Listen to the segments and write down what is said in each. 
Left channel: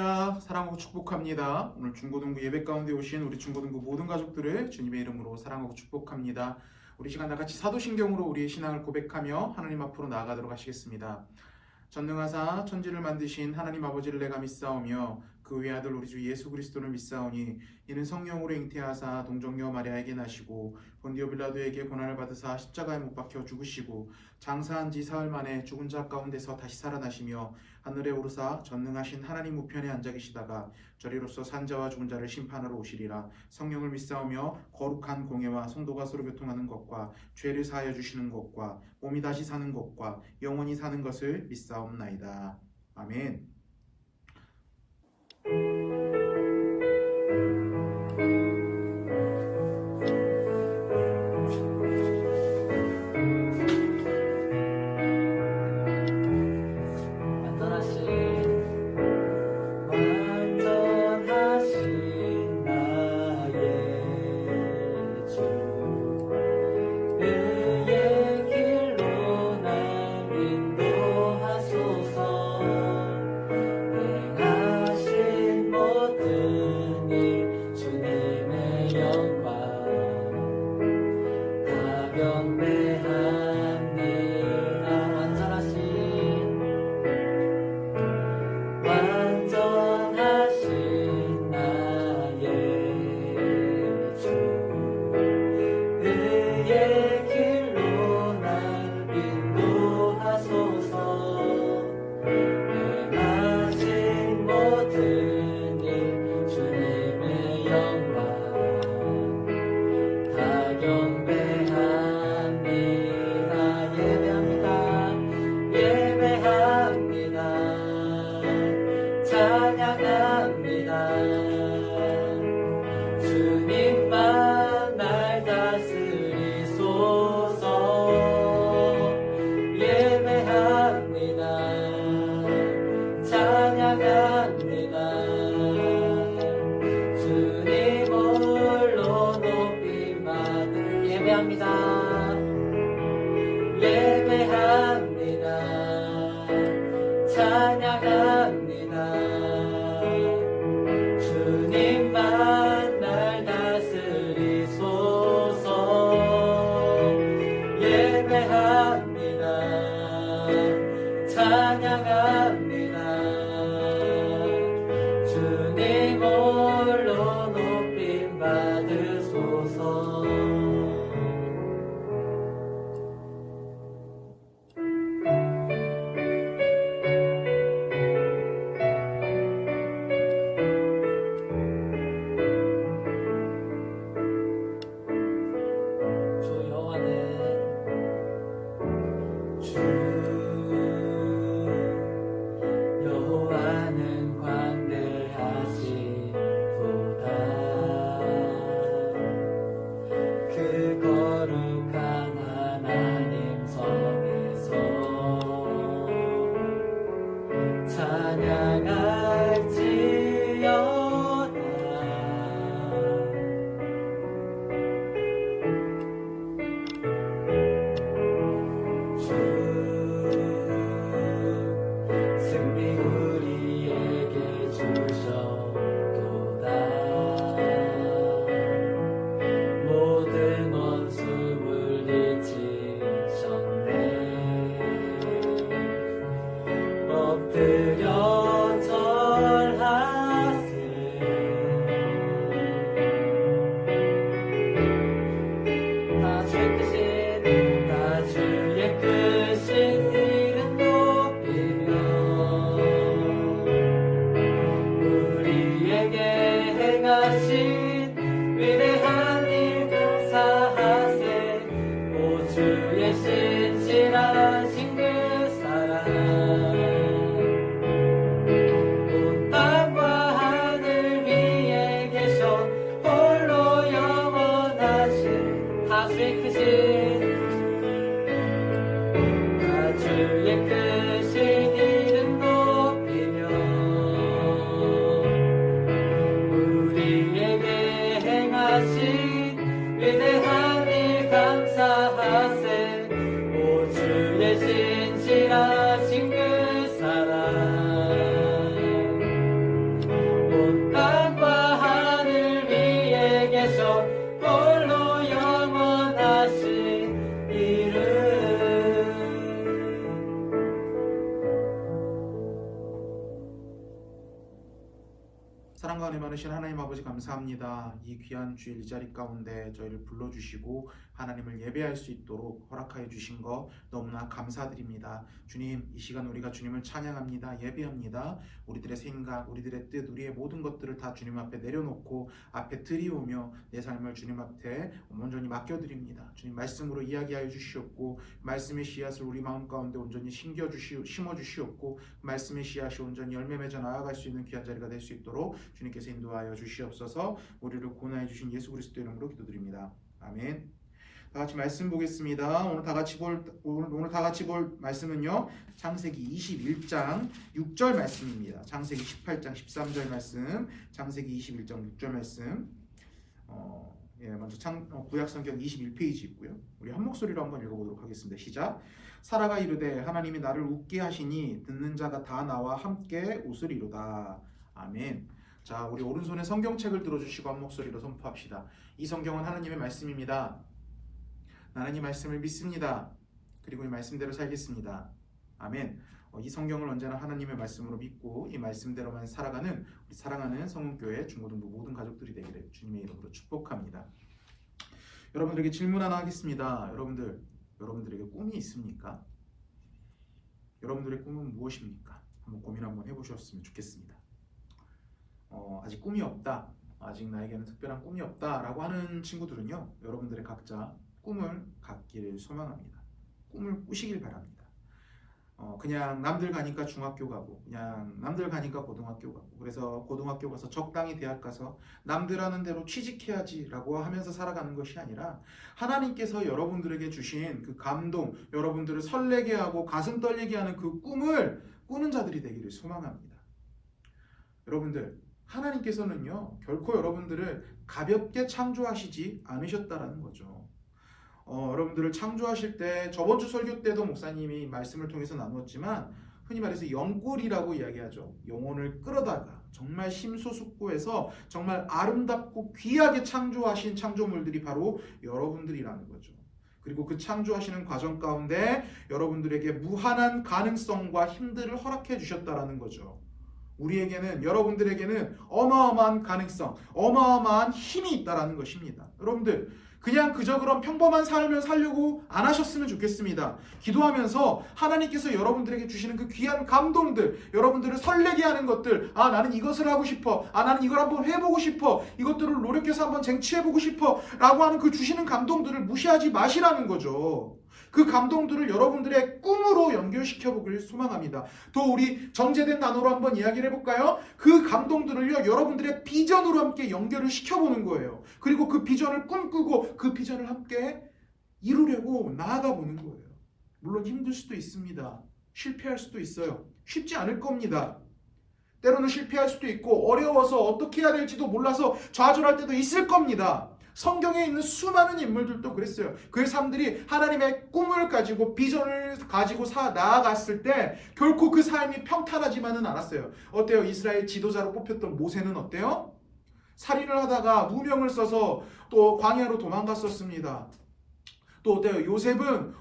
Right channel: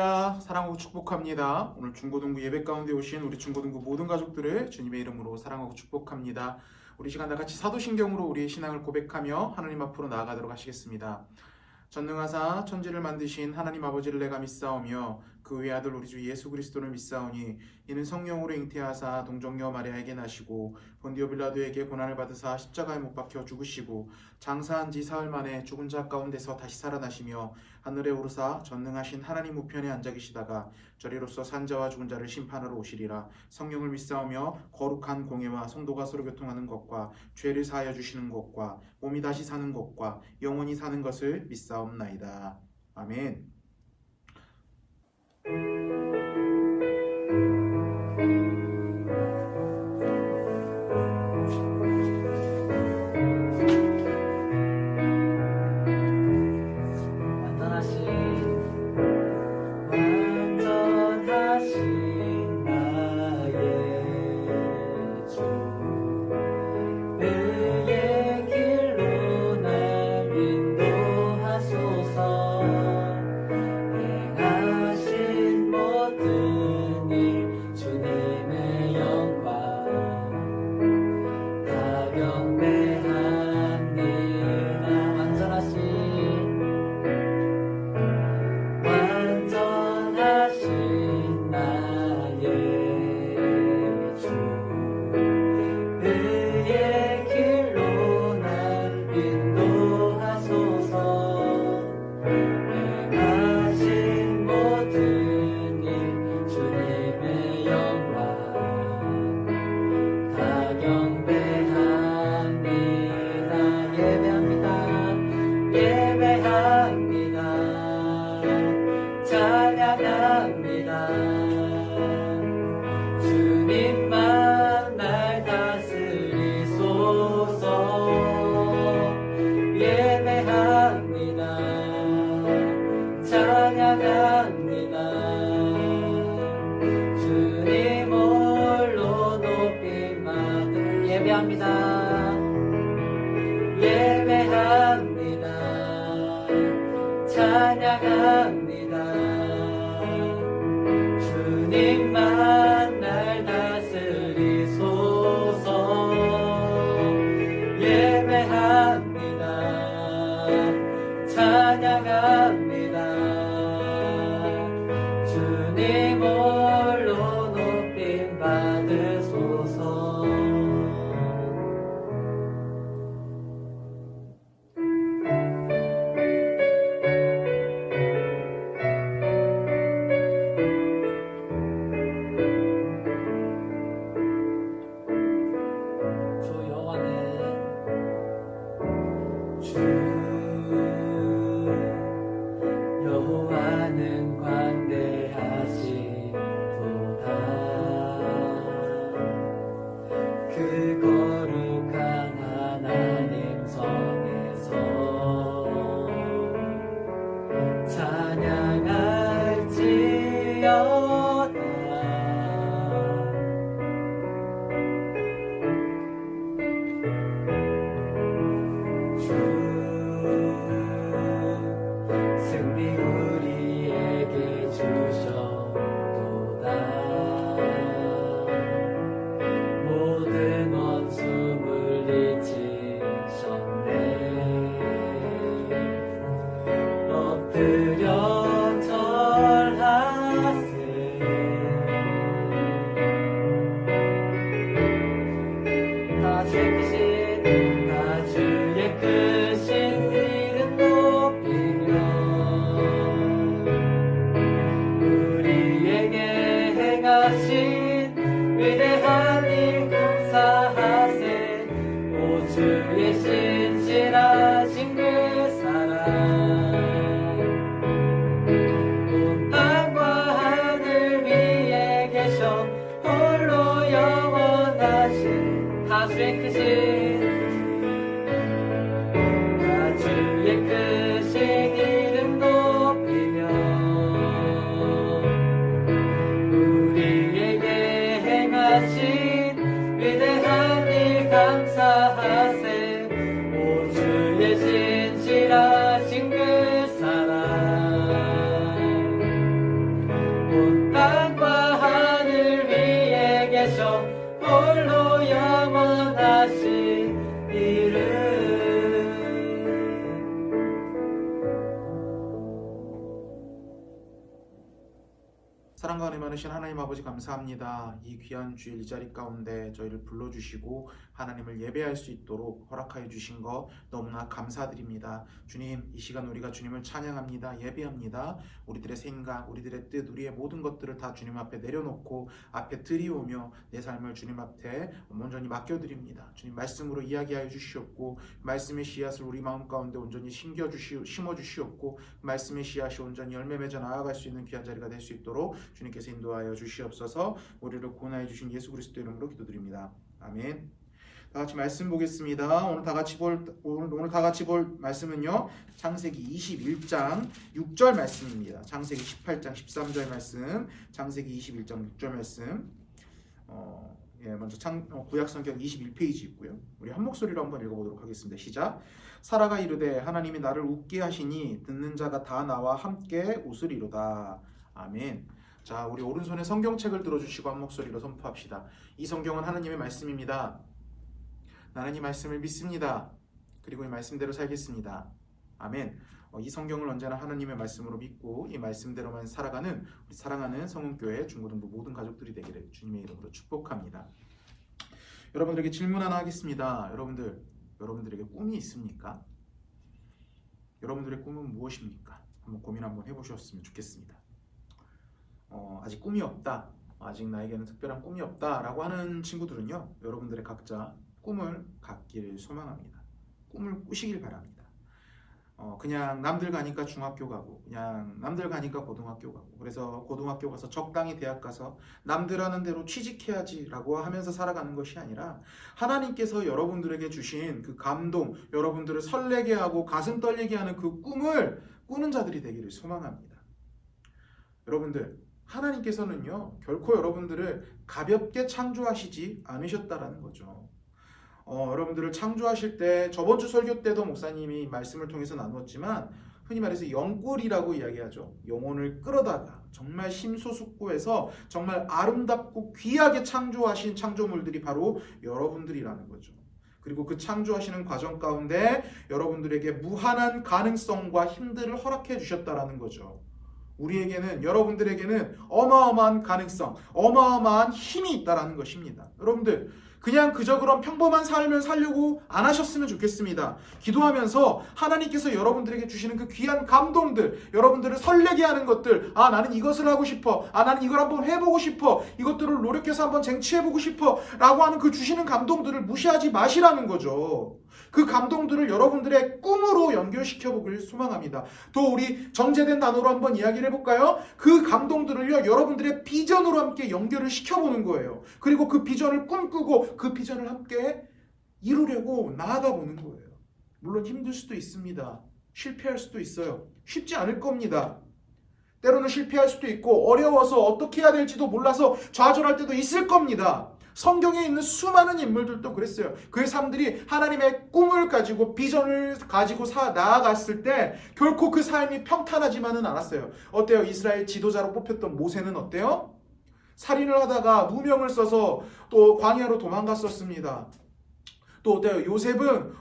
할렐루야, 사랑하고 축복합니다. 오늘 중고등부 예배 가운데 오신 우리 중고등부 모든 가족들을 주님의 이름으로 사랑하고 축복합니다. 우리 시간 다 같이 사도신경으로 우리의 신앙을 고백하며 하나님 앞으로 나아가도록 하시겠습니다. 전능하사 천지를 만드신 하나님 아버지를 내가 믿사오며 그 외 아들 우리 주 예수 그리스도를 믿사오니 이는 성령으로 잉태하사 동정녀 마리아에게 나시고 본디오 빌라도에게 고난을 받으사 십자가에 못 박혀 죽으시고 장사한 지 사흘 만에 죽은 자 가운데서 다시 살아나시며 하늘에 오르사 전능하신 하나님 우편에 앉아 계시다가 저리로서 산자와 죽은 자를 심판하러 오시리라. 성령을 믿사오며 거룩한 공예와 성도가 서로 교통하는 것과 죄를 사하여 주시는 것과 몸이 다시 사는 것과 영원히 사는 것을 믿사옵나이다. 아멘. 주님만 날 다스리소서. 예배합니다. 찬양합니다. 주님 홀로 높임 받을 예배합니다. 예배합니다. 찬양합니다. 주님만 날 다스리소서. 예배합니다. 찬양합니다. 주님 홀로 높임 받으소서. 여호와는 광대하시도다. 그 거룩한 하나님 성에서 찬양할지어다. 승리 우리에게 주셨도다. 모든 원수 물리치셨네. 엎드려 절하세. 다 주의 크신 이름 높이며 우리에게 행하신 위대한 일 감사하세. 오 주의 신실하신 그 사랑 온 땅과 하늘 위에 계셔 홀로 영원하신 다 주의 크신 이름 높이며 우리에게 행하신 위대한 일 감사하세. 오 주의 신실하신 그 사랑 많으신 하나님 아버지 감사합니다. 이 귀한 주일 이 자리 가운데 저희를 불러주시고 하나님을 예배할 수 있도록 허락하여 주신 거 너무나 감사드립니다. 주님, 이 시간 우리가 주님을 찬양합니다. 예배합니다. 우리들의 생각, 우리들의 뜻, 우리의 모든 것들을 다 주님 앞에 내려놓고 앞에 드리오며 내 삶을 주님 앞에 온전히 맡겨드립니다. 주님 말씀으로 이야기하여 주시옵고 말씀의 씨앗을 우리 마음 가운데 온전히 심어주시옵고 말씀의 씨앗이 온전히 열매 맺어 나아갈 수 있는 귀한 자리가 될 수 있도록 주님께서 인도하여 주시옵소서. 우리를 구원하여 주신 예수 그리스도 이름으로 기도드립니다. 아멘. 다 같이 말씀 보겠습니다. 오늘 다 같이 볼 말씀은요. 창세기 21장 6절 말씀입니다. 창세기 18장 13절 말씀, 창세기 21장 6절 말씀. 먼저 구약 성경 21페이지 있고요. 우리 한 목소리로 한번 읽어보도록 하겠습니다. 시작. 사라가 이르되 하나님이 나를 웃게 하시니 듣는 자가 다 나와 함께 웃으리로다. 아멘. 자, 우리 오른손에 성경책을 들어주시고 한 목소리로 선포합시다. 이 성경은 하나님의 말씀입니다. 나는 이 말씀을 믿습니다. 그리고 이 말씀대로 살겠습니다. 아멘. 이 성경을 언제나 하나님의 말씀으로 믿고 이 말씀대로만 살아가는 우리 사랑하는 성은교회 중고등부 모든 가족들이 되기를 주님의 이름으로 축복합니다. 여러분들에게 질문 하나 하겠습니다. 여러분들에게 꿈이 있습니까? 여러분들의 꿈은 무엇입니까? 한번 고민 한번 해보셨으면 좋겠습니다. 아직 꿈이 없다, 아직 나에게는 특별한 꿈이 없다라고 하는 친구들은요, 여러분들의 각자 꿈을 갖기를 소망합니다. 꿈을 꾸시길 바랍니다. 그냥 남들 가니까 중학교 가고, 그냥 남들 가니까 고등학교 가고, 그래서 고등학교 가서 적당히 대학 가서 남들 하는 대로 취직해야지라고 하면서 살아가는 것이 아니라 하나님께서 여러분들에게 주신 그 감동, 여러분들을 설레게 하고 가슴 떨리게 하는 그 꿈을 꾸는 자들이 되기를 소망합니다. 여러분들, 하나님께서는요, 결코 여러분들을 가볍게 창조하시지 않으셨다라는 거죠. 여러분들을 창조하실 때 저번 주 설교 때도 목사님이 말씀을 통해서 나누었지만 흔히 말해서 영골이라고 이야기하죠. 영혼을 끌어다가 정말 심소숙고해서 정말 아름답고 귀하게 창조하신 창조물들이 바로 여러분들이라는 거죠. 그리고 그 창조하시는 과정 가운데 여러분들에게 무한한 가능성과 힘들을 허락해 주셨다라는 거죠. 우리에게는, 여러분들에게는 어마어마한 가능성, 어마어마한 힘이 있다라는 것입니다. 여러분들, 그냥 그저 그런 평범한 삶을 살려고 안 하셨으면 좋겠습니다. 기도하면서 하나님께서 여러분들에게 주시는 그 귀한 감동들, 여러분들을 설레게 하는 것들, 나는 이것을 하고 싶어, 나는 이걸 한번 해보고 싶어, 이것들을 노력해서 한번 쟁취해보고 싶어 라고 하는 그 주시는 감동들을 무시하지 마시라는 거죠. 그 감동들을 여러분들의 꿈으로 연결시켜보길 소망합니다. 또 우리 정제된 단어로 한번 이야기를 해볼까요? 그 감동들을요, 여러분들의 비전으로 함께 연결을 시켜보는 거예요. 그리고 그 비전을 꿈꾸고 그 비전을 함께 이루려고 나아가 보는 거예요. 물론 힘들 수도 있습니다. 실패할 수도 있어요. 쉽지 않을 겁니다. 때로는 실패할 수도 있고 어려워서 어떻게 해야 될지도 몰라서 좌절할 때도 있을 겁니다. 성경에 있는 수많은 인물들도 그랬어요. 그 사람들이 하나님의 꿈을 가지고 비전을 가지고 나아갔을 때 결코 그 삶이 평탄하지만은 않았어요. 어때요? 이스라엘 지도자로 뽑혔던 모세는 어때요? 살인을 하다가 누명을 써서 또 광야로 도망갔었습니다. 또 어때요? 요셉은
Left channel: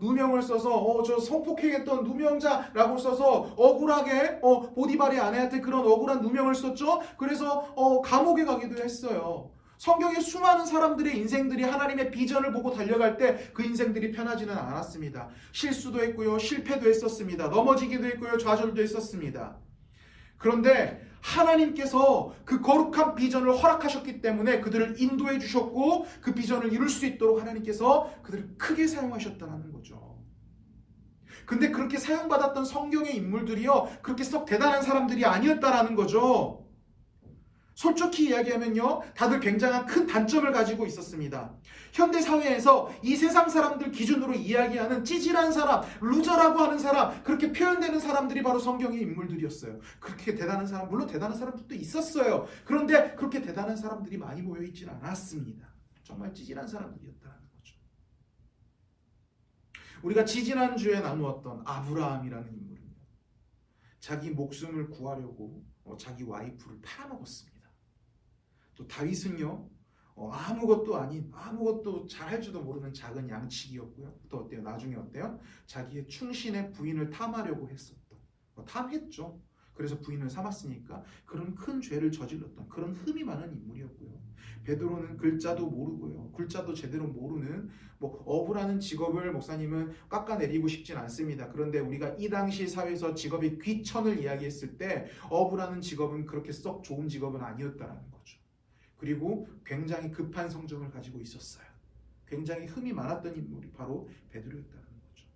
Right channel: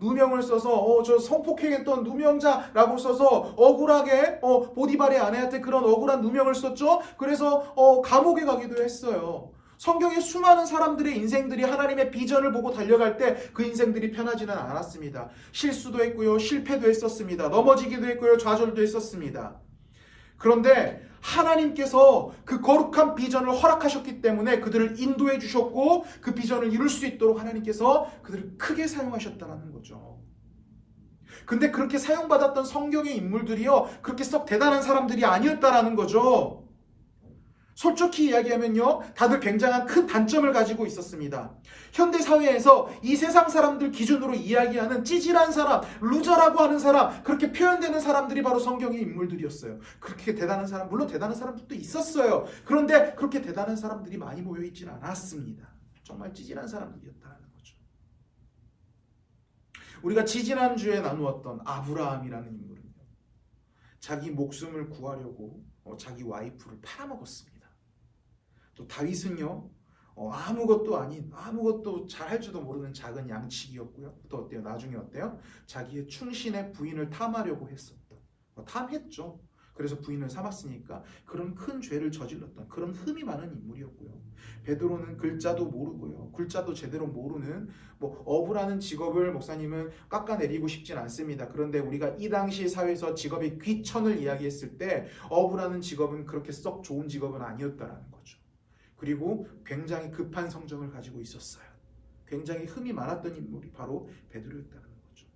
누명을 써서 저 성폭행했던 누명자라고 써서 억울하게 보디발의 아내한테 그런 억울한 누명을 썼죠. 그래서 감옥에 가기도 했어요. 성경의 수많은 사람들의 인생들이 하나님의 비전을 보고 달려갈 때 그 인생들이 편하지는 않았습니다. 실수도 했고요, 실패도 했었습니다. 넘어지기도 했고요, 좌절도 했었습니다. 그런데 하나님께서 그 거룩한 비전을 허락하셨기 때문에 그들을 인도해 주셨고 그 비전을 이룰 수 있도록 하나님께서 그들을 크게 사용하셨다는 거죠. 근데 그렇게 사용받았던 성경의 인물들이요, 그렇게 썩 대단한 사람들이 아니었다라는 거죠. 솔직히 이야기하면요, 다들 굉장한 큰 단점을 가지고 있었습니다. 현대 사회에서 이 세상 사람들 기준으로 이야기하는 찌질한 사람, 루저라고 하는 사람, 그렇게 표현되는 사람들이 바로 성경의 인물들이었어요. 그렇게 대단한 사람, 물론 대단한 사람들도 있었어요. 그런데 그렇게 대단한 사람들이 많이 모여있지는 않았습니다. 정말 찌질한 사람들이었다는 거죠. 우리가 지지난주에 나누었던 아브라함이라는 인물은요, 자기 목숨을 구하려고 자기 와이프를 팔아먹었습니다. 또 다윗은요, 아무것도 아닌, 아무것도 잘할 줄도 모르는 작은 양치기였고요. 또 어때요? 나중에 어때요? 자기의 충신의 부인을 탐하려고 했었던, 탐했죠. 그래서 부인을 삼았으니까 그런 큰 죄를 저질렀던 그런 흠이 많은 인물이었고요. 베드로는 글자도 모르고요. 글자도 제대로 모르는 어부라는 직업을 목사님은 깎아내리고 싶진 않습니다. 그런데 우리가 이 당시 사회에서 직업의 귀천을 이야기했을 때 어부라는 직업은 그렇게 썩 좋은 직업은 아니었다라는 거죠. 그리고 굉장히 급한 성정을 가지고 있었어요. 굉장히 흠이 많았던 인물이 바로 베드로였다는 거죠.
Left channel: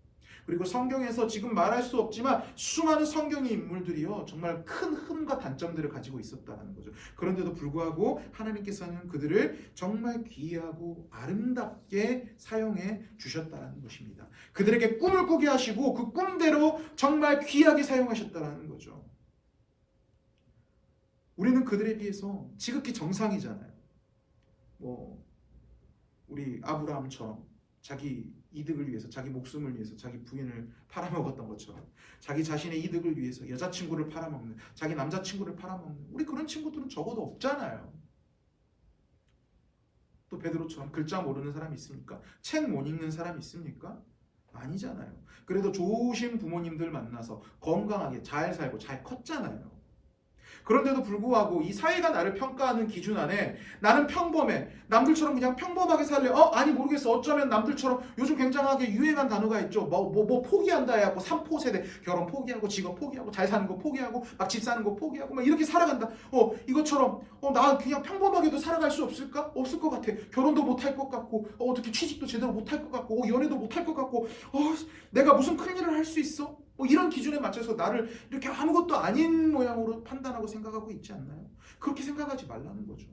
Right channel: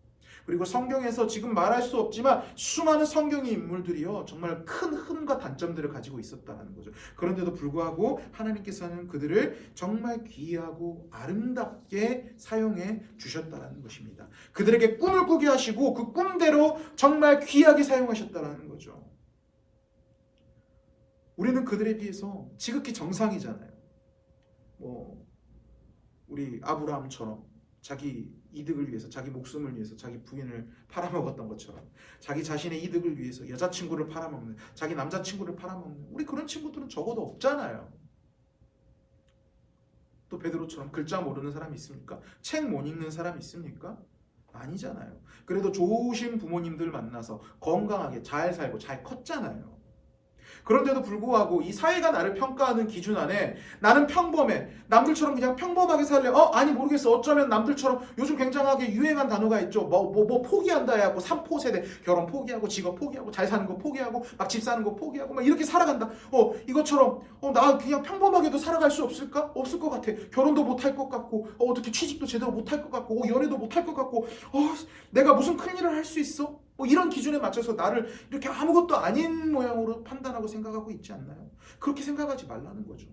그리고 성경에서 지금 말할 수 없지만 수많은 성경의 인물들이요 정말 큰 흠과 단점들을 가지고 있었다는 거죠. 그런데도 불구하고 하나님께서는 그들을 정말 귀하고 아름답게 사용해 주셨다는 것입니다. 그들에게 꿈을 꾸게 하시고 그 꿈대로 정말 귀하게 사용하셨다는 거죠. 우리는 그들에 비해서 지극히 정상이잖아요. 우리 아브라함처럼 자기 이득을 위해서, 자기 목숨을 위해서 자기 부인을 팔아먹었던 것처럼 자기 자신의 이득을 위해서 여자친구를 팔아먹는, 자기 남자친구를 팔아먹는 우리 그런 친구들은 적어도 없잖아요. 또 베드로처럼 글자 모르는 사람이 있습니까? 책 못 읽는 사람이 있습니까? 아니잖아요. 그래도 좋으신 부모님들 만나서 건강하게 잘 살고 잘 컸잖아요. 그런데도 불구하고 이 사회가 나를 평가하는 기준 안에 나는 평범해. 남들처럼 그냥 평범하게 살래. 아니 모르겠어. 어쩌면 남들처럼 요즘 굉장하게 유행한 단어가 있죠. 포기한다 해갖고 3포 세대 결혼 포기하고 직업 포기하고 잘 사는 거 포기하고 막 집 사는 거 포기하고 막 이렇게 살아간다. 이것처럼 나 그냥 평범하게도 살아갈 수 없을까? 없을 것 같아. 결혼도 못할 것 같고 어떻게 취직도 제대로 못할 것 같고 연애도 못할 것 같고 내가 무슨 큰일을 할 수 있어? 이런 기준에 맞춰서 나를 이렇게 아무것도 아닌 모양으로 판단하고 생각하고 있지 않나요? 그렇게 생각하지 말라는 거죠.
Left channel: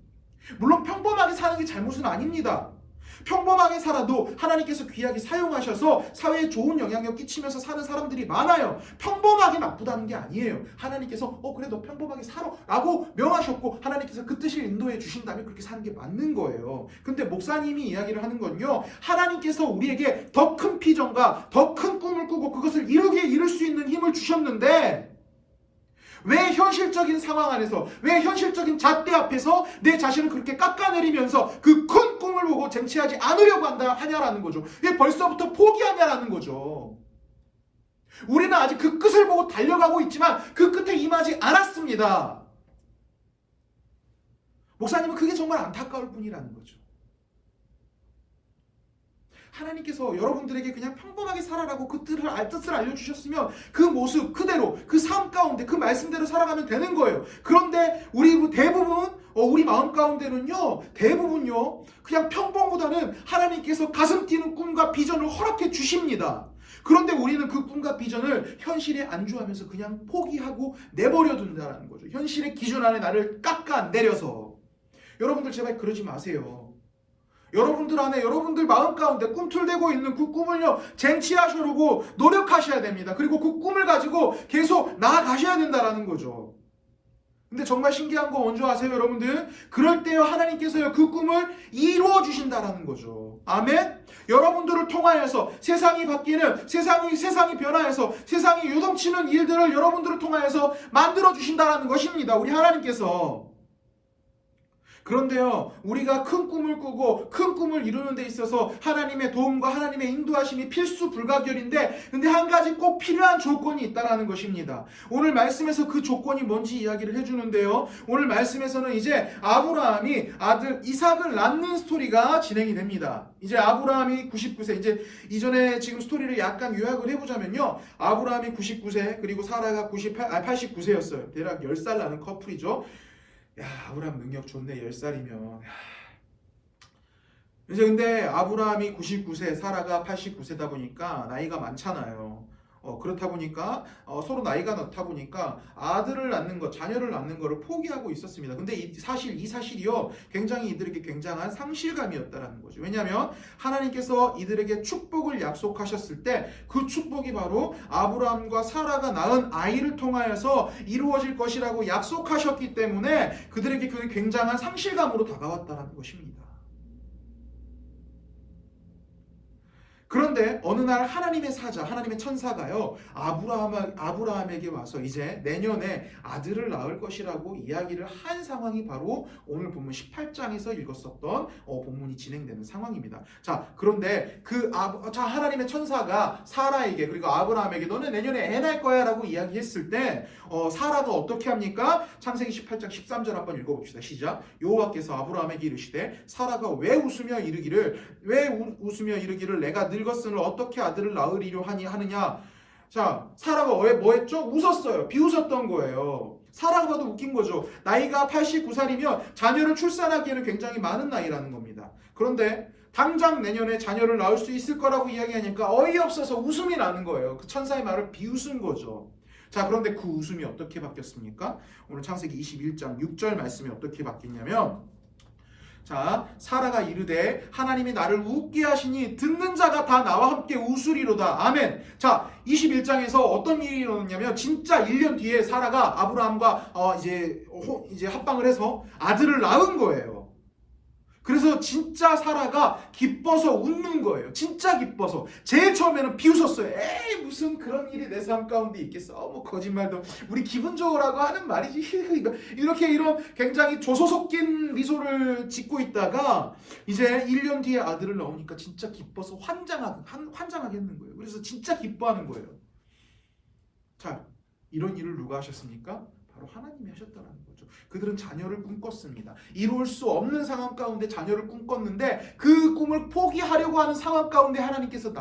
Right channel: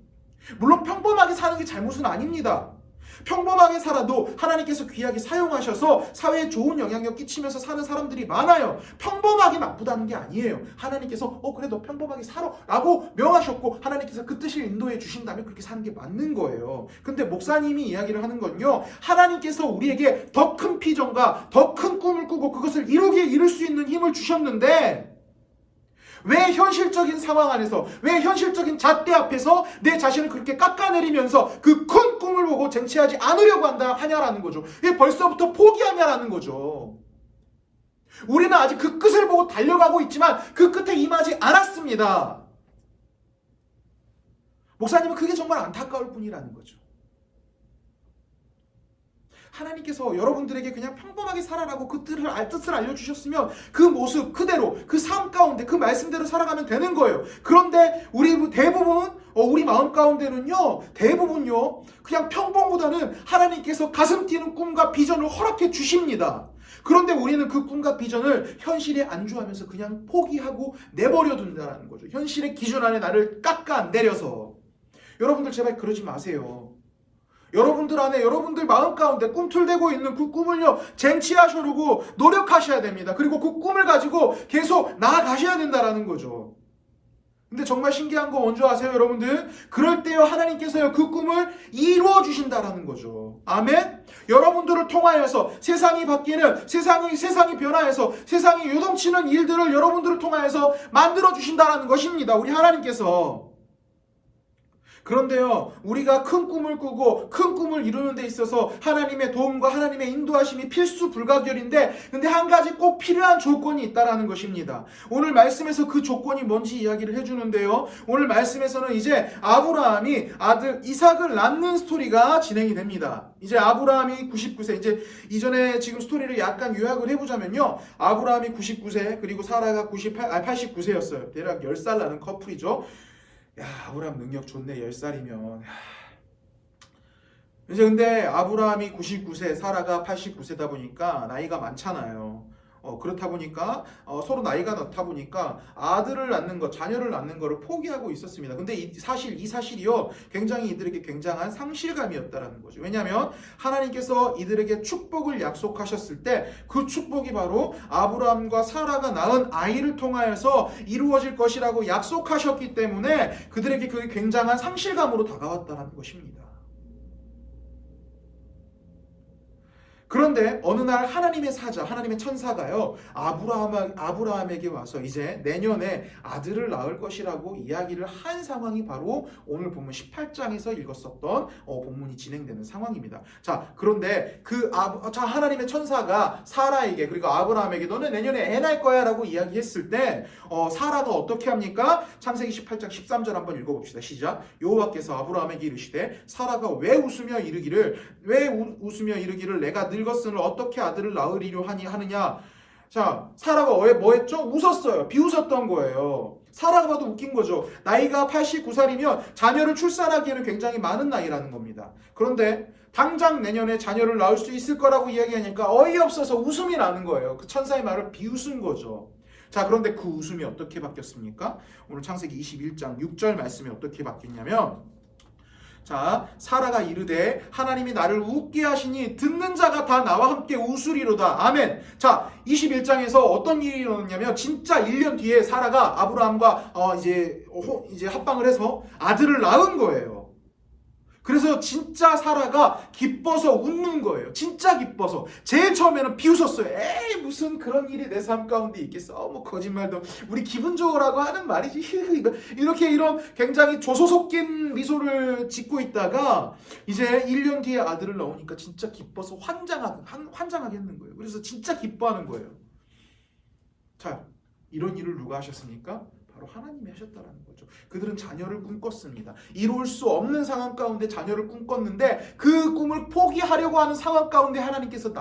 물론 평범하게 사는 게 잘못은 아닙니다. 평범하게 살아도 하나님께서 귀하게 사용하셔서 사회에 좋은 영향력 끼치면서 사는 사람들이 많아요. 평범하게 나쁘다는 게 아니에요. 하나님께서 그래 너 평범하게 살아 라고 명하셨고 하나님께서 그 뜻을 인도해 주신다면 그렇게 사는 게 맞는 거예요. 근데 목사님이 이야기를 하는 건요, 하나님께서 우리에게 더 큰 비전과 더 큰 꿈을 꾸고 그것을 이룰 수 있는 힘을 주셨는데 왜 현실적인 상황 안에서, 왜 현실적인 잣대 앞에서 내 자신을 그렇게 깎아내리면서 그 큰 꿈을 보고 쟁취하지 않으려고 하냐라는 거죠. 왜 벌써부터 포기하냐라는 거죠. 우리는 아직 그 끝을 보고 달려가고 있지만 그 끝에 임하지 않았습니다. 목사님은 그게 정말 안타까울 뿐이라는 거죠. 하나님께서 여러분들에게 그냥 평범하게 살아라고 그 뜻을 알려주셨으면 그 모습 그대로, 그 삶 가운데 그 말씀대로 살아가면 되는 거예요. 그런데 우리 마음 가운데는요, 대부분요 그냥 평범보다는 하나님께서 가슴 뛰는 꿈과 비전을 허락해 주십니다. 그런데 우리는 그 꿈과 비전을 현실에 안주하면서 그냥 포기하고 내버려 둔다는 거죠. 현실의 기준 안에 나를 깎아내려서. 여러분들 제발 그러지 마세요. 여러분들 안에, 여러분들 마음 가운데 꿈틀대고 있는 그 꿈을요 쟁취하시려고 노력하셔야 됩니다. 그리고 그 꿈을 가지고 계속 나아가셔야 된다는 거죠. 근데 정말 신기한 거 뭔지 아세요, 여러분들? 그럴 때요 하나님께서요 그 꿈을 이루어 주신다라는 거죠. 아멘. 여러분들을 통하여서 세상이 바뀌는, 세상이 변화해서 세상이 요동치는 일들을 여러분들을 통하여서 만들어 주신다라는 것입니다. 우리 하나님께서. 그런데요, 우리가 큰 꿈을 꾸고 큰 꿈을 이루는 데 있어서 하나님의 도움과 하나님의 인도하심이 필수 불가결인데, 근데 한 가지 꼭 필요한 조건이 있다라는 것입니다. 오늘 말씀에서 그 조건이 뭔지 이야기를 해주는데요, 오늘 말씀에서는 이제 아브라함이 아들 이삭을 낳는 스토리가 진행이 됩니다. 이제 아브라함이 99세, 이제 이전에 지금 스토리를 약간 요약을 해보자면요, 아브라함이 99세, 그리고 사라가 89세였어요. 대략 10살 나는 커플이죠. 야, 아브라함 능력 좋네. 10살이면. 이제 근데 아브라함이 99세, 사라가 89세다 보니까 나이가 많잖아요. 그렇다 보니까 서로 나이가 많다 보니까 아들을 낳는 것, 자녀를 낳는 것을 포기하고 있었습니다. 근데 이 사실이요 굉장히 이들에게 굉장한 상실감이었다라는 거죠. 왜냐하면 하나님께서 이들에게 축복을 약속하셨을 때 그 축복이 바로 아브라함과 사라가 낳은 아이를 통하여서 이루어질 것이라고 약속하셨기 때문에 그들에게 그게 굉장한 상실감으로 다가왔다라는 것입니다. 그런데 어느 날 하나님의 사자, 하나님의 천사가요, 아브라함에게 와서 이제 내년에 아들을 낳을 것이라고 이야기를 한 상황이 바로 오늘 본문 18장에서 읽었었던 본문이 진행되는 상황입니다. 자, 그런데 하나님의 천사가 사라에게, 그리고 아브라함에게 너는 내년에 애 낳을 거야 라고 이야기했을 때 사라가 어떻게 합니까? 창세기 18장 13절 한번 읽어봅시다. 시작. 여호와께서 아브라함에게 이르시되 사라가 왜 웃으며 이르기를 내가 늙었으니 어떻게 아들을 낳으리려 하느냐. 자, 사라가 뭐 했죠? 웃었어요. 비웃었던 거예요. 사라가 봐도 웃긴 거죠. 나이가 89살이면 자녀를 출산하기에는 굉장히 많은 나이라는 겁니다. 그런데 당장 내년에 자녀를 낳을 수 있을 거라고 이야기하니까 어이없어서 웃음이 나는 거예요. 그 천사의 말을 비웃은 거죠. 자, 그런데 그 웃음이 어떻게 바뀌었습니까? 오늘 창세기 21장 6절 말씀이 어떻게 바뀌었냐면, 자, 사라가 이르되 하나님이 나를 웃게 하시니 듣는 자가 다 나와 함께 웃으리로다. 아멘. 자, 21장에서 어떤 일이 일어났냐면 진짜 1년 뒤에 사라가 아브라함과 이제 합방을 해서 아들을 낳은 거예요. 그래서 진짜 사라가 기뻐서 웃는 거예요. 진짜 기뻐서. 제일 처음에는 비웃었어요. 에이, 무슨 그런 일이 내 삶 가운데 있겠어. 뭐 거짓말도 우리 기분 좋으라고 하는 말이지. 이렇게 이런 굉장히 조소 섞인 미소를 짓고 있다가 이제 1년 뒤에 아들을 낳으니까 진짜 기뻐서 환장하겠는 거예요. 그래서 진짜 기뻐하는 거예요. 자, 이런 일을 누가 하셨습니까? 바로 하나님이 하셨다라는 거죠. 그들은 자녀를 꿈꿨습니다. 이룰 수 없는 상황 가운데 자녀를 꿈꿨는데 그 꿈을 포기하려고 하는 상황 가운데 하나님께서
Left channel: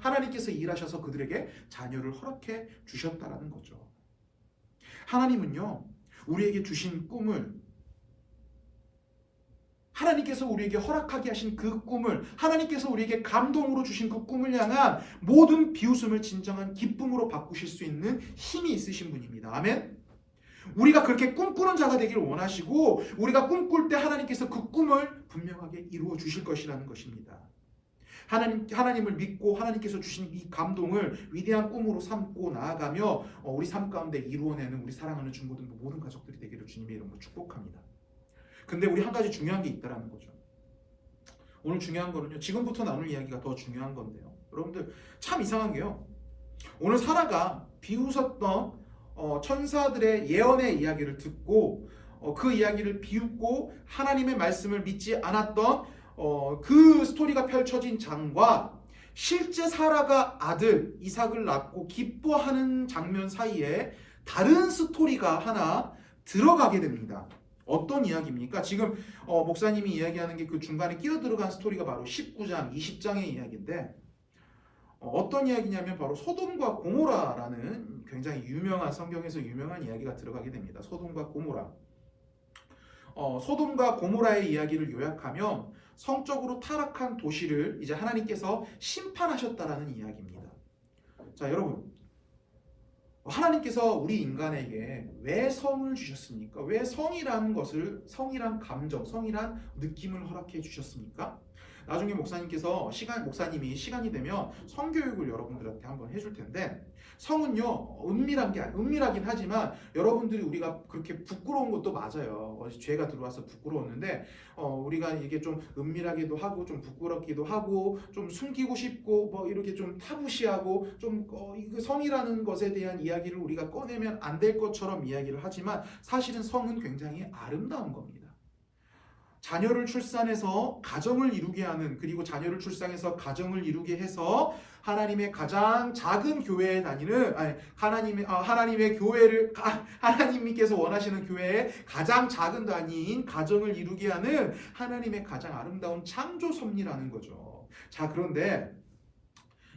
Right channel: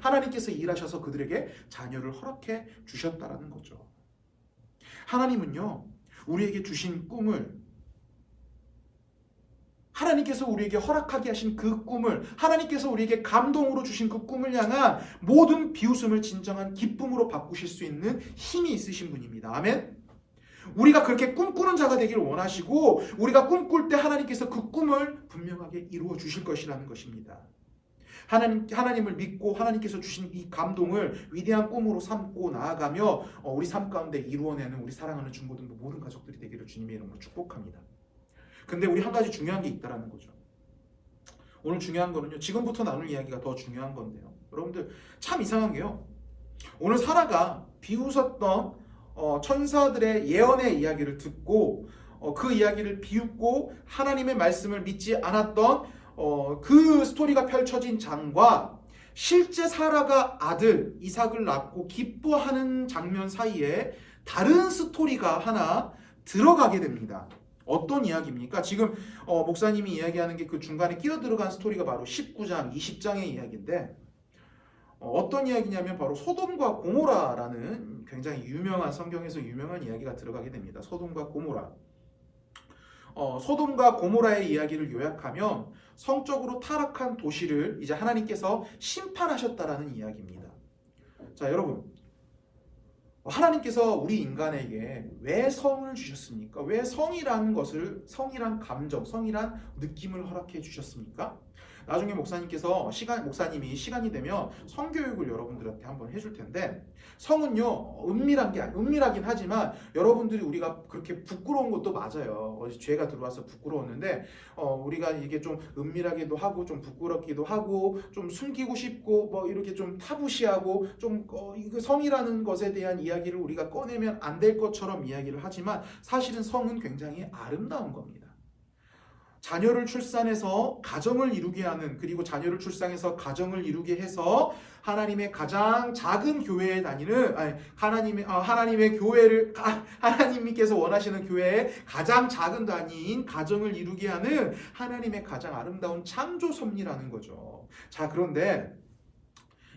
하나님께서 일하셔서 그들에게 자녀를 허락해 주셨다라는 거죠. 하나님은요, 우리에게 주신 꿈을, 하나님께서 우리에게 허락하게 하신 그 꿈을, 하나님께서 우리에게 감동으로 주신 그 꿈을 향한 모든 비웃음을 진정한 기쁨으로 바꾸실 수 있는 힘이 있으신 분입니다. 아멘. 우리가 그렇게 꿈꾸는 자가 되기를 원하시고 우리가 꿈꿀 때 하나님께서 그 꿈을 분명하게 이루어 주실 것이라는 것입니다. 하나님을 믿고 하나님께서 주신 이 감동을 위대한 꿈으로 삼고 나아가며 우리 삶 가운데 이루어내는 우리 사랑하는 중고등부 모든 가족들이 되기를 주님의 이름으로 축복합니다. 근데 우리 한 가지 중요한 게 있다라는 거죠. 오늘 중요한 거는요, 지금부터 나눌 이야기가 더 중요한 건데요, 여러분들 참 이상한 게요, 오늘 사라가 비웃었던 천사들의 예언의 이야기를 듣고 그 이야기를 비웃고 하나님의 말씀을 믿지 않았던 그 스토리가 펼쳐진 장과 실제 사라가 아들 이삭을 낳고 기뻐하는 장면 사이에 다른 스토리가 하나 들어가게 됩니다. 어떤 이야기입니까? 지금 목사님이 이야기하는 게 그 중간에 끼어 들어간 스토리가 바로 19장, 20장의 이야기인데 어떤 이야기냐면 바로 소돔과 고모라라는 굉장히 유명한, 성경에서 유명한 이야기가 들어가게 됩니다. 소돔과 고모라. 소돔과 고모라의 이야기를 요약하면 성적으로 타락한 도시를 이제 하나님께서 심판하셨다라는 이야기입니다. 자, 여러분, 하나님께서 우리 인간에게 왜 성을 주셨습니까? 왜 성이라는 것을, 성이란 감정, 성이란 느낌을 허락해 주셨습니까? 나중에 목사님이 시간이 되면 성교육을 여러분들한테 한번 해줄 텐데, 성은요, 은밀하긴 하지만 여러분들이 우리가 그렇게 부끄러운 것도 맞아요. 죄가 들어와서 부끄러웠는데 우리가 이게 좀 은밀하기도 하고 좀 부끄럽기도 하고 좀 숨기고 싶고 뭐 이렇게 좀 타부시하고 좀 성이라는 것에 대한 이야기를 우리가 꺼내면 안 될 것처럼 이야기를 하지만 사실은 성은 굉장히 아름다운 겁니다. 자녀를 출산해서 가정을 이루게 하는, 그리고 자녀를 출산해서 가정을 이루게 해서 하나님의 가장 작은 교회에 다니는, 하나님의 교회를, 하나님께서 원하시는 교회의 가장 작은 단위인 가정을 이루게 하는 하나님의 가장 아름다운 창조 섭리라는 거죠. 자, 그런데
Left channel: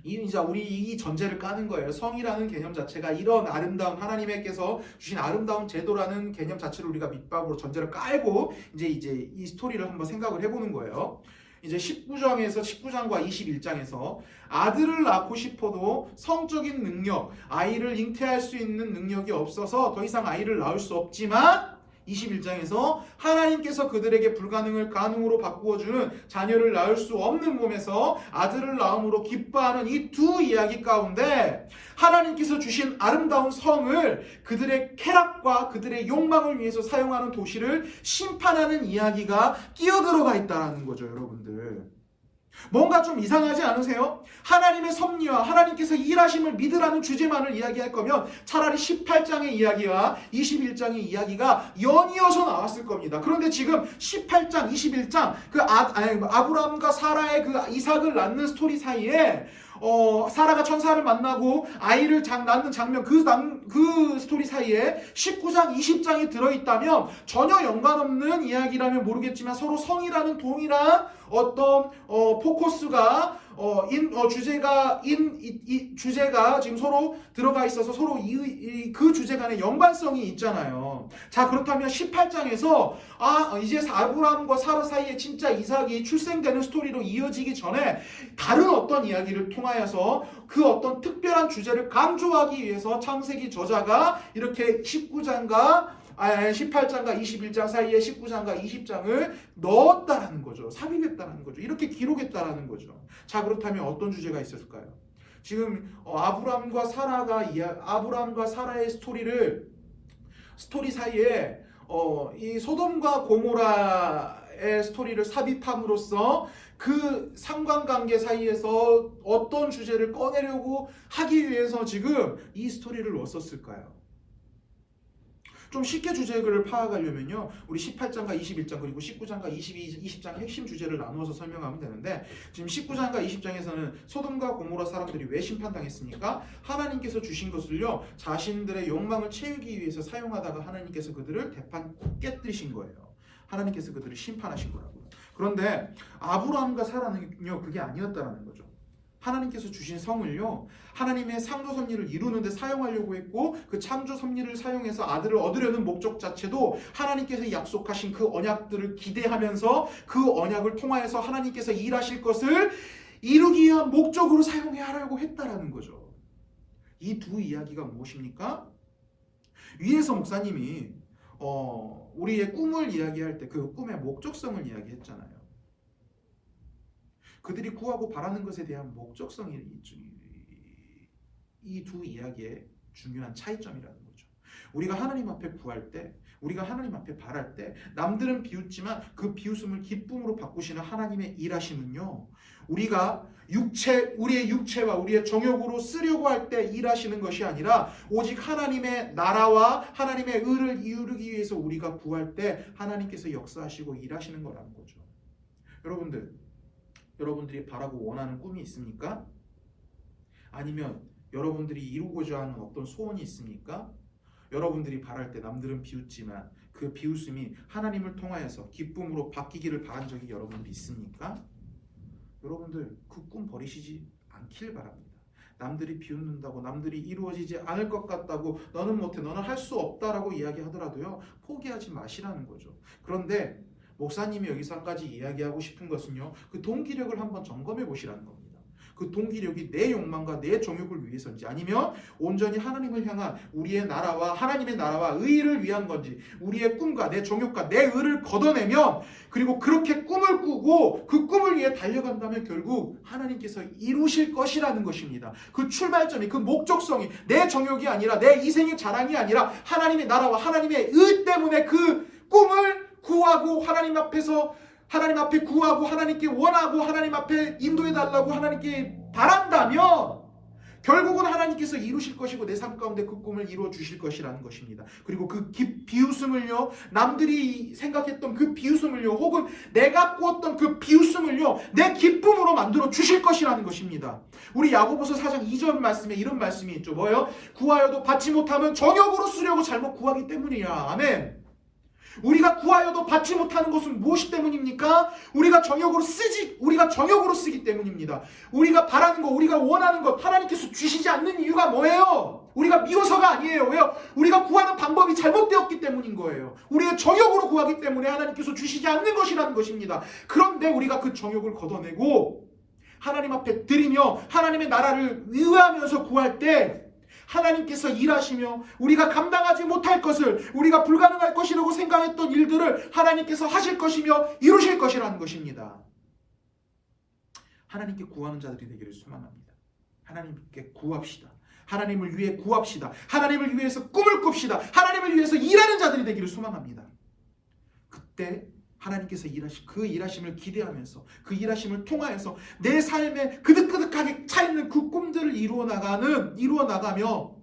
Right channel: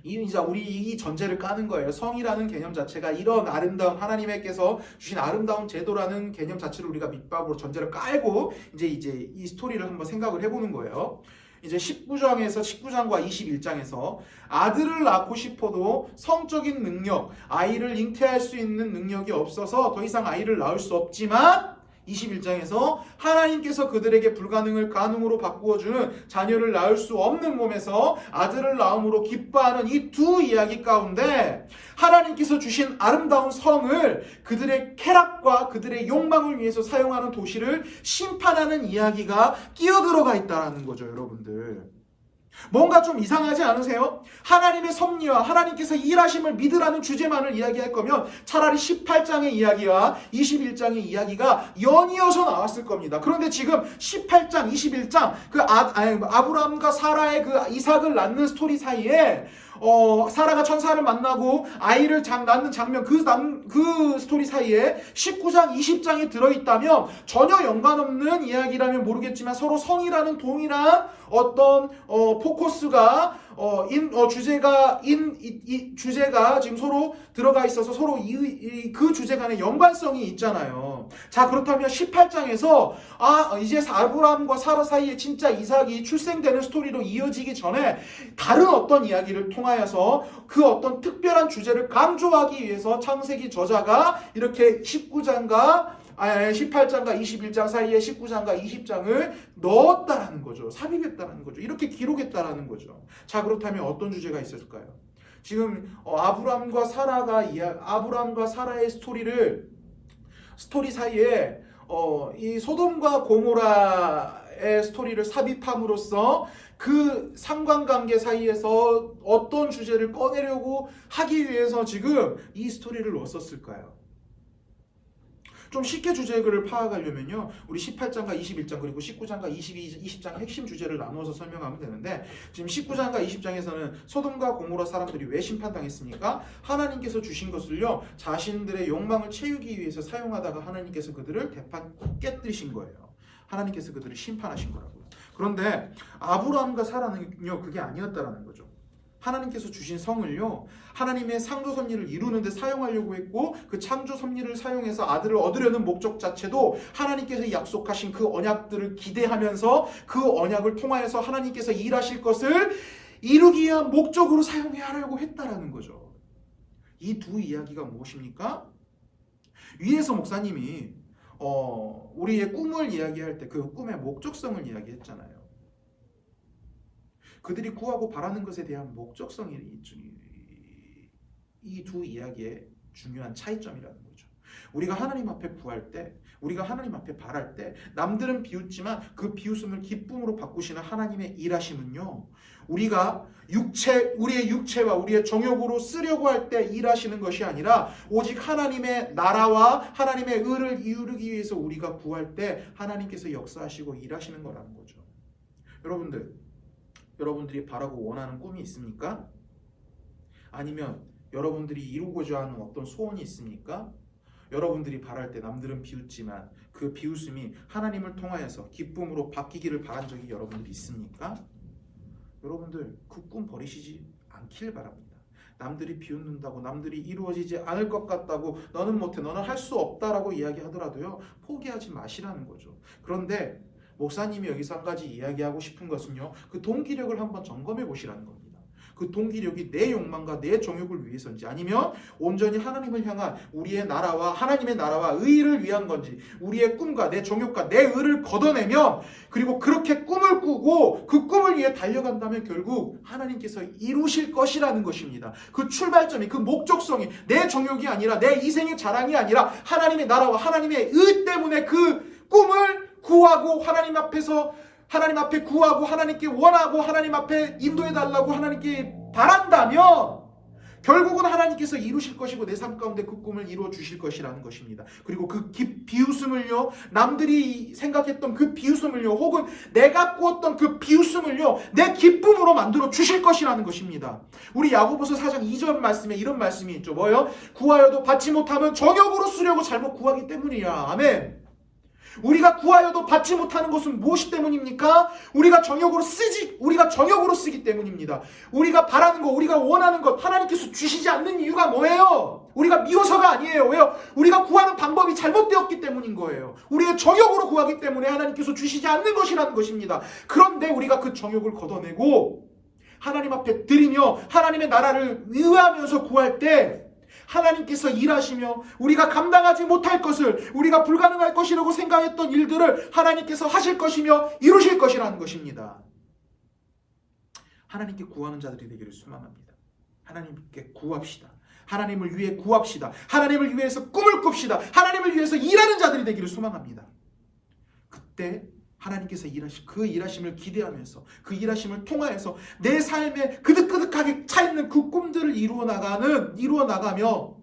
이제 우리 이 전제를 까는 거예요. 성이라는 개념 자체가 이런 아름다운, 하나님께서 주신 아름다운 제도라는 개념 자체를 우리가 밑밥으로 전제를 깔고 이제 이 스토리를 한번 생각을 해보는 거예요. 이제 19장과 21장에서 아들을 낳고 싶어도 성적인 능력, 아이를 잉태할 수 있는 능력이 없어서 더 이상 아이를 낳을 수 없지만 21장에서 하나님께서 그들에게 불가능을 가능으로 바꾸어주는 자녀를 낳을 수 없는 몸에서 아들을 낳음으로 기뻐하는 이 두 이야기 가운데 하나님께서 주신 아름다운 성을 그들의 쾌락과 그들의 욕망을 위해서 사용하는 도시를 심판하는 이야기가 끼어들어가 있다는 거죠, 여러분들. 뭔가 좀 이상하지 않으세요? 하나님의 섭리와 하나님께서 일하심을 믿으라는 주제만을 이야기할 거면 차라리 18장의 이야기와 21장의 이야기가 연이어서 나왔을 겁니다. 그런데 지금 18장, 21장 아브라함과 사라의 그 이삭을 낳는 스토리 사이에 사라가 천사를 만나고 아이를 낳는 장면 그 스토리 사이에 19장, 20장이 들어있다면 전혀 연관없는 이야기라면 모르겠지만 서로 성이라는 동일한 어떤 포커스가 주제가 지금 서로 들어가 있어서 서로 그 주제 간의 연관성이 있잖아요. 자, 그렇다면 18장에서 이제 아브라함과 사라 사이에 진짜 이삭이 출생되는 스토리로 이어지기 전에 다른 어떤 이야기를 통하여서 그 어떤 특별한 주제를 강조하기 위해서 창세기 저자가 이렇게 18장과 21장 사이에 19장과 20장을 넣었다라는 거죠. 삽입했다라는 거죠. 이렇게 기록했다라는 거죠. 자, 그렇다면 어떤 주제가 있었을까요? 지금 아브라함과 사라의 스토리 사이에 이 소돔과 고모라의 스토리를 삽입함으로써 그 상관관계 사이에서 어떤 주제를 꺼내려고 하기 위해서 지금 이 스토리를 넣었을까요? 좀 쉽게 주제를 파악하려면요, 우리 18장과 21장 그리고 19장과 20장 핵심 주제를 나누어서 설명하면 되는데, 지금 19장과 20장에서는 소돔과 고모라 사람들이 왜 심판당했습니까? 하나님께서 주신 것을요 자신들의 욕망을 채우기 위해서 사용하다가 하나님께서 그들을 깨뜨리신 거예요. 하나님께서 그들을 심판하신 거라고요. 그런데 아브라함과 사라는요 그게 아니었다라는 거죠. 하나님께서 주신 성을요 하나님의 창조 섭리를 이루는 데 사용하려고 했고, 그 창조 섭리를 사용해서 아들을 얻으려는 목적 자체도 하나님께서 약속하신 그 언약들을 기대하면서 그 언약을 통하여서 하나님께서 일하실 것을 이루기 위한 목적으로 사용해야 하려고 했다라는 거죠. 이 두 이야기가 무엇입니까? 위에서 목사님이 우리의 꿈을 이야기할 때 그 꿈의 목적성을 이야기했잖아요. 그들이 구하고 바라는 것에 대한 목적성이 이 두 이야기의 중요한 차이점이라는 거죠. 우리가 하나님 앞에 구할 때, 우리가 하나님 앞에 바랄 때 남들은 비웃지만 그 비웃음을 기쁨으로 바꾸시는 하나님의 일하심은요, 우리의 육체와 우리의 정욕으로 쓰려고 할 때 일하시는 것이 아니라 오직 하나님의 나라와 하나님의 의를 이루기 위해서 우리가 구할 때 하나님께서 역사하시고 일하시는 거라는 거죠. 여러분들이 바라고 원하는 꿈이 있습니까? 아니면 여러분들이 이루고자 하는 어떤 소원이 있습니까? 여러분들이 바랄 때 남들은 비웃지만 그 비웃음이 하나님을 통하여서 기쁨으로 바뀌기를 바란 적이 여러분들이 있습니까? 여러분들 그 꿈 버리시지 않길 바랍니다. 남들이 비웃는다고, 남들이 이루어지지 않을 것 같다고, 너는 못해, 너는 할 수 없다라고 이야기하더라도요 포기하지 마시라는 거죠. 그런데 목사님이 여기서 한 가지 이야기하고 싶은 것은요, 그 동기력을 한번 점검해 보시라는 겁니다. 그 동기력이 내 욕망과 내 정욕을 위해서인지, 아니면 온전히 하나님을 향한 우리의 나라와 하나님의 나라와 의를 위한 건지, 우리의 꿈과 내 정욕과 내 의를 걷어내면, 그리고 그렇게 꿈을 꾸고 그 꿈을 위해 달려간다면 결국 하나님께서 이루실 것이라는 것입니다. 그 출발점이, 그 목적성이 내 정욕이 아니라 내 이생의 자랑이 아니라 하나님의 나라와 하나님의 의 때문에 그 꿈을 구하고 하나님 앞에 구하고 하나님께 원하고 하나님 앞에 인도해달라고 하나님께 바란다면 결국은 하나님께서 이루실 것이고 내 삶 가운데 그 꿈을 이루어 주실 것이라는 것입니다. 그리고 그 비웃음을요, 남들이 생각했던 그 비웃음을요, 혹은 내가 꾸었던 그 비웃음을요 내 기쁨으로 만들어 주실 것이라는 것입니다. 우리 야고보서 4장 2절 말씀에 이런 말씀이 있죠. 뭐예요? 구하여도 받지 못하면 정욕으로 쓰려고 잘못 구하기 때문이야. 아멘. 우리가 구하여도 받지 못하는 것은 무엇이 때문입니까? 우리가 정욕으로 쓰기 때문입니다. 우리가 바라는 것, 우리가 원하는 것 하나님께서 주시지 않는 이유가 뭐예요? 우리가 미워서가 아니에요. 왜요? 우리가 구하는 방법이 잘못되었기 때문인 거예요. 우리의 정욕으로 구하기 때문에 하나님께서 주시지 않는 것이라는 것입니다. 그런데 우리가 그 정욕을 걷어내고 하나님 앞에 드리며 하나님의 나라를 의하면서 구할 때 하나님께서 일하시며 우리가 감당하지 못할 것을, 우리가 불가능할 것이라고 생각했던 일들을 하나님께서 하실 것이며 이루실 것이라는 것입니다. 하나님께 구하는 자들이 되기를 소망합니다. 하나님께 구합시다. 하나님을 위해 구합시다. 하나님을 위해서 꿈을 꿉시다. 하나님을 위해서 일하는 자들이 되기를 소망합니다. 그때 하나님께서 그 일하심을 기대하면서 그 일하심을 통하여서 내 삶에 그득그득하게 차있는 그 꿈들을 이루어 나가며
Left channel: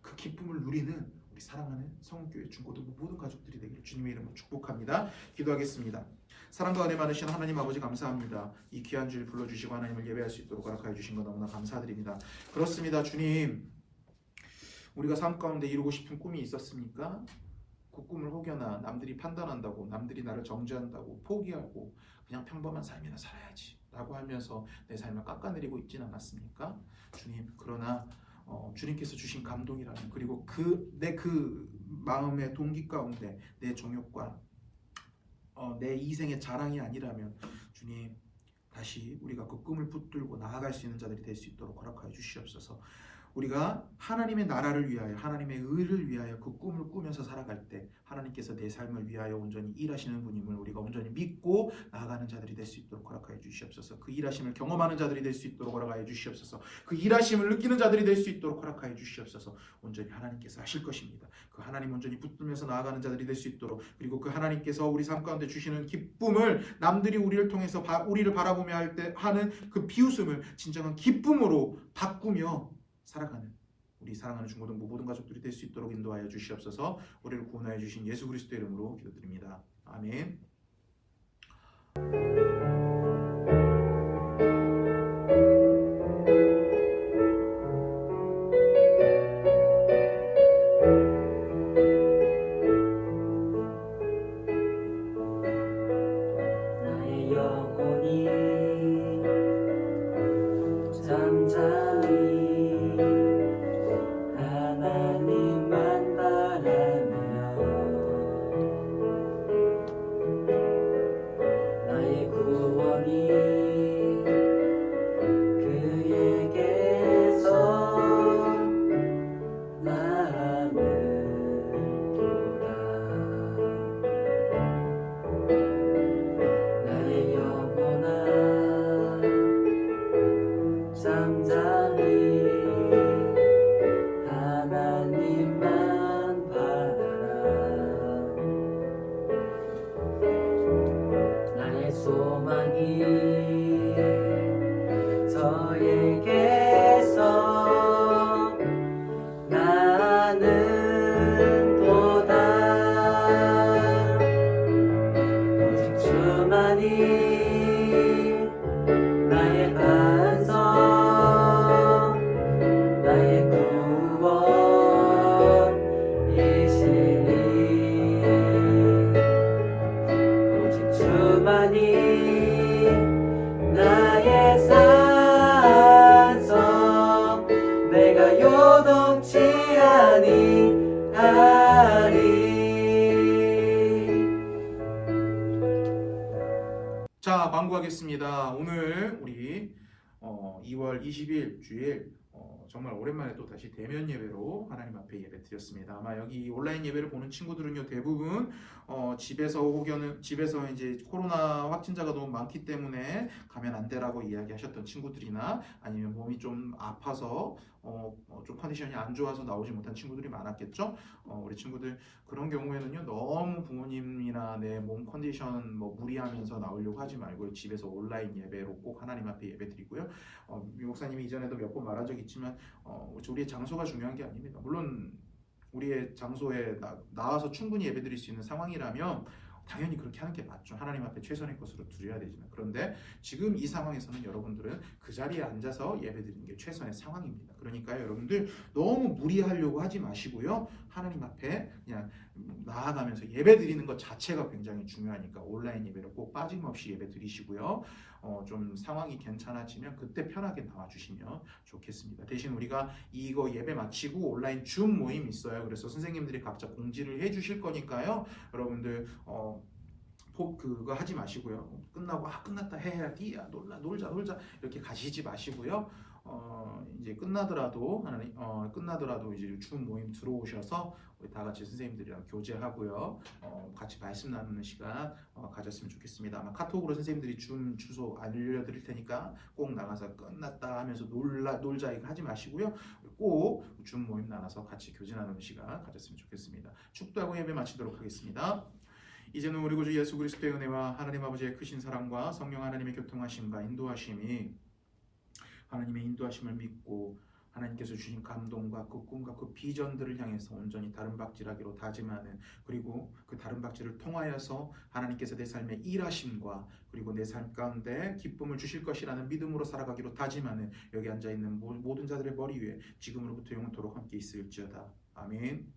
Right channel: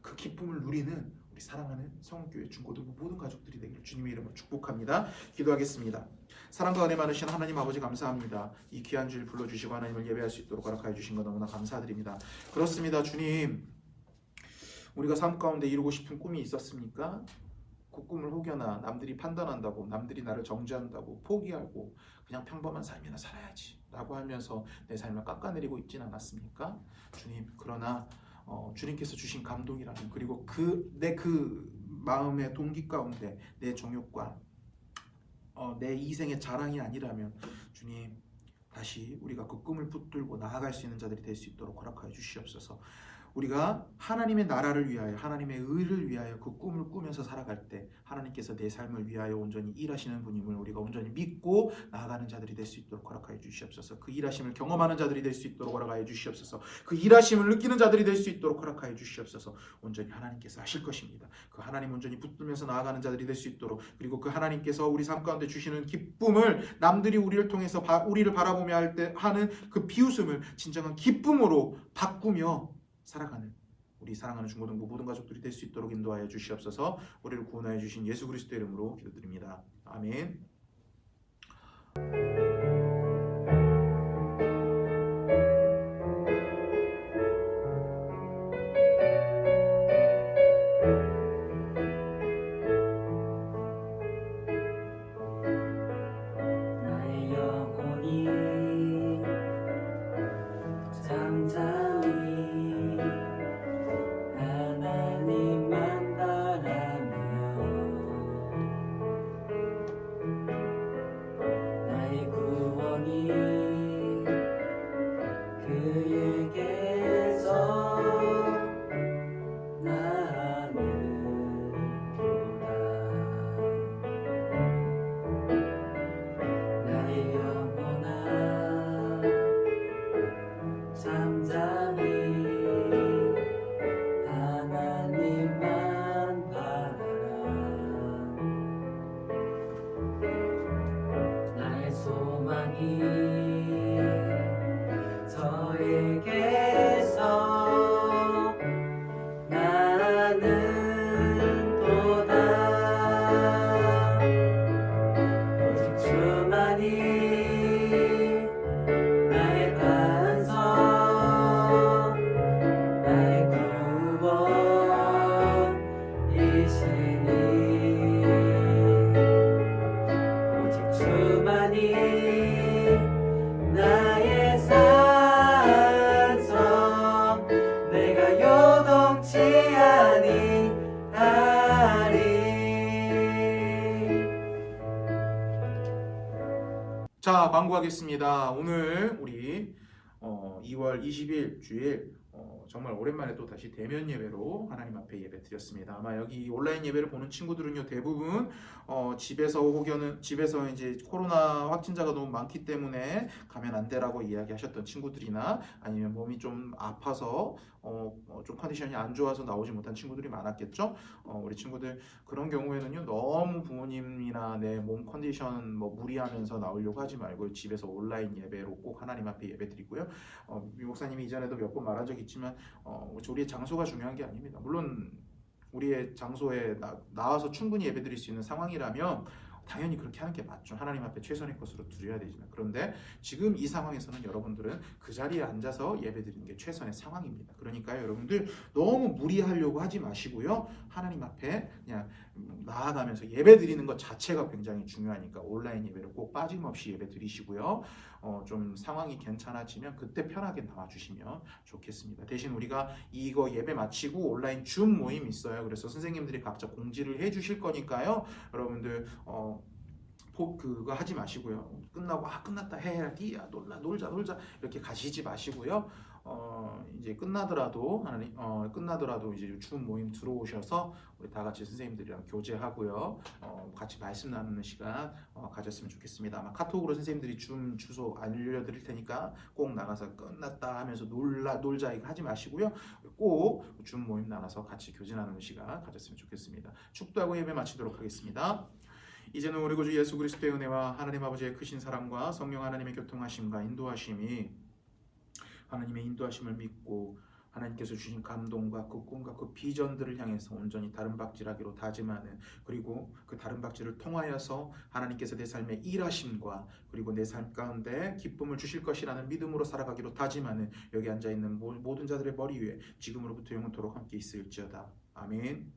그 기쁨을 누리는 우리 사랑하는 성교회 중고등부 모든 가족들이 되기를 주님의 이름으로 축복합니다. 기도하겠습니다. 사랑과 은혜 많으신 하나님 아버지 감사합니다. 이 귀한 주일 불러주시고 하나님을 예배할 수 있도록 허락하여 주신 것 너무나 감사드립니다. 그렇습니다. 주님, 우리가 삶 가운데 이루고 싶은 꿈이 있었습니까? 그 꿈을 혹여나 남들이 판단한다고, 남들이 나를 정죄한다고 포기하고 그냥 평범한 삶이나 살아야지 라고 하면서 내 삶을 깎아내리고 있진 않았습니까? 주님, 그러나 주님께서 주신 감동이라면, 그리고 내 마음의 동기 가운데 내 정욕과 내 이생의 자랑이 아니라면 주님, 다시 우리가 그 꿈을 붙들고 나아갈 수 있는 자들이 될 수 있도록 허락하여 주시옵소서. 우리가 하나님의 나라를 위하여, 하나님의 의를 위하여 그 꿈을 꾸면서 살아갈 때 하나님께서 내 삶을 위하여 온전히 일하시는 분임을 우리가 온전히 믿고 나아가는 자들이 될 수 있도록 허락하여 주시옵소서. 그 일하심을 경험하는 자들이 될 수 있도록 허락하여 주시옵소서. 그 일하심을 느끼는 자들이 될 수 있도록 허락하여 주시옵소서. 온전히 하나님께서 하실 것입니다. 그 하나님 온전히 붙들면서 나아가는 자들이 될 수 있도록, 그리고 그 하나님께서 우리 삶 가운데 주시는 기쁨을 남들이 우리를 통해서 우리를 바라보며 할 때 하는 그 비웃음을 진정한 기쁨으로 바꾸며 살아가는 우리 사랑하는 중고등부 모든 가족들이 될 수 있도록 인도하여 주시옵소서. 우리를 구원하여 주신 예수 그리스도의 이름으로 기도드립니다. 아멘. 나의 영혼이 잠잠히 하나님만 바라며 나의 구원이 그에게서 나는도다. 나의 영혼아 잠잠히 하나님만 바라라. 나의 소망이 저에게서 나는도다. 오직 주만이 나의 반석, 나의 구원이시니. 오직 주만이 나의 산성, 내가 요동치 아니하리. 자, 광고하겠습니다. 오늘 우리 2월 20일 주일 정말 오랜만에 또 다시 대면 예배로 하나님 앞에 예배 드렸습니다. 아마 여기 온라인 예배를 보는 친구들은요, 대부분 집에서 혹여는 집에서 이제 코로나 확진자가 너무 많기 때문에 가면 안 되라고 이야기하셨던 친구들이나 아니면 몸이 좀 아파서 좀 컨디션이 안 좋아서 나오지 못한 친구들이 많았겠죠. 우리 친구들 그런 경우에는요, 너무 부모님이나 내 몸 컨디션 무리하면서 나오려고 하지 말고 집에서 온라인 예배로 꼭 하나님 앞에 예배 드리고요. 미 목사님이 이전에도 몇 번 말한 적이 있지만 우리의 장소가 중요한 게 아닙니다. 물론 우리의 장소에 나와서 충분히 예배 드릴 수 있는 상황이라면 당연히 그렇게 하는 게 맞죠. 하나님 앞에 최선의 것으로 드려야 되지만, 그런데 지금 이 상황에서는 여러분들은 그 자리에 앉아서 예배 드리는 게 최선의 상황입니다. 그러니까 여러분들 너무 무리하려고 하지 마시고요, 하나님 앞에 그냥 나아가면서 예배 드리는 것 자체가 굉장히 중요하니까 온라인 예배를 꼭 빠짐없이 예배 드리시고요. 좀 상황이 괜찮아지면 그때 편하게 나와주시면 좋겠습니다. 대신 우리가 이거 예배 마치고 온라인 줌 모임 있어요. 그래서 선생님들이 각자 공지를 해주실 거니까요. 여러분들 그거 하지 마시고요. 끝나고 끝났다 해야지, 놀자 이렇게 가시지 마시고요. 이제 끝나더라도 이제 줌 모임 들어오셔서 우리 다 같이 선생님들이랑 교제하고요. 같이 말씀 나누는 시간 가졌으면 좋겠습니다. 아마 카톡으로 선생님들이 줌 주소 알려드릴 테니까 꼭 나가서 끝났다 하면서 놀자 이거 하지 마시고요. 꼭 줌 모임 나눠서 같이 교제 나누는 시간 가졌으면 좋겠습니다. 축도하고 예배 마치도록 하겠습니다. 이제는 우리 구주 예수 그리스도의 은혜와 하나님 아버지의 크신 사랑과 성령 하나님의 교통하심과 인도하심이 하나님의 인도하심을 믿고 하나님께서 주신 감동과 그 꿈과 그 비전들을 향해서 온전히 다른 박질하기로 다짐하는, 그리고 그 다른 박질을 통하여서 하나님께서 내 삶에 일하심과 그리고 내 삶 가운데 기쁨을 주실 것이라는 믿음으로 살아가기로 다짐하는 여기 앉아있는 모든 자들의 머리 위에 지금으로부터 영원토록 함께 있을지어다. 아멘.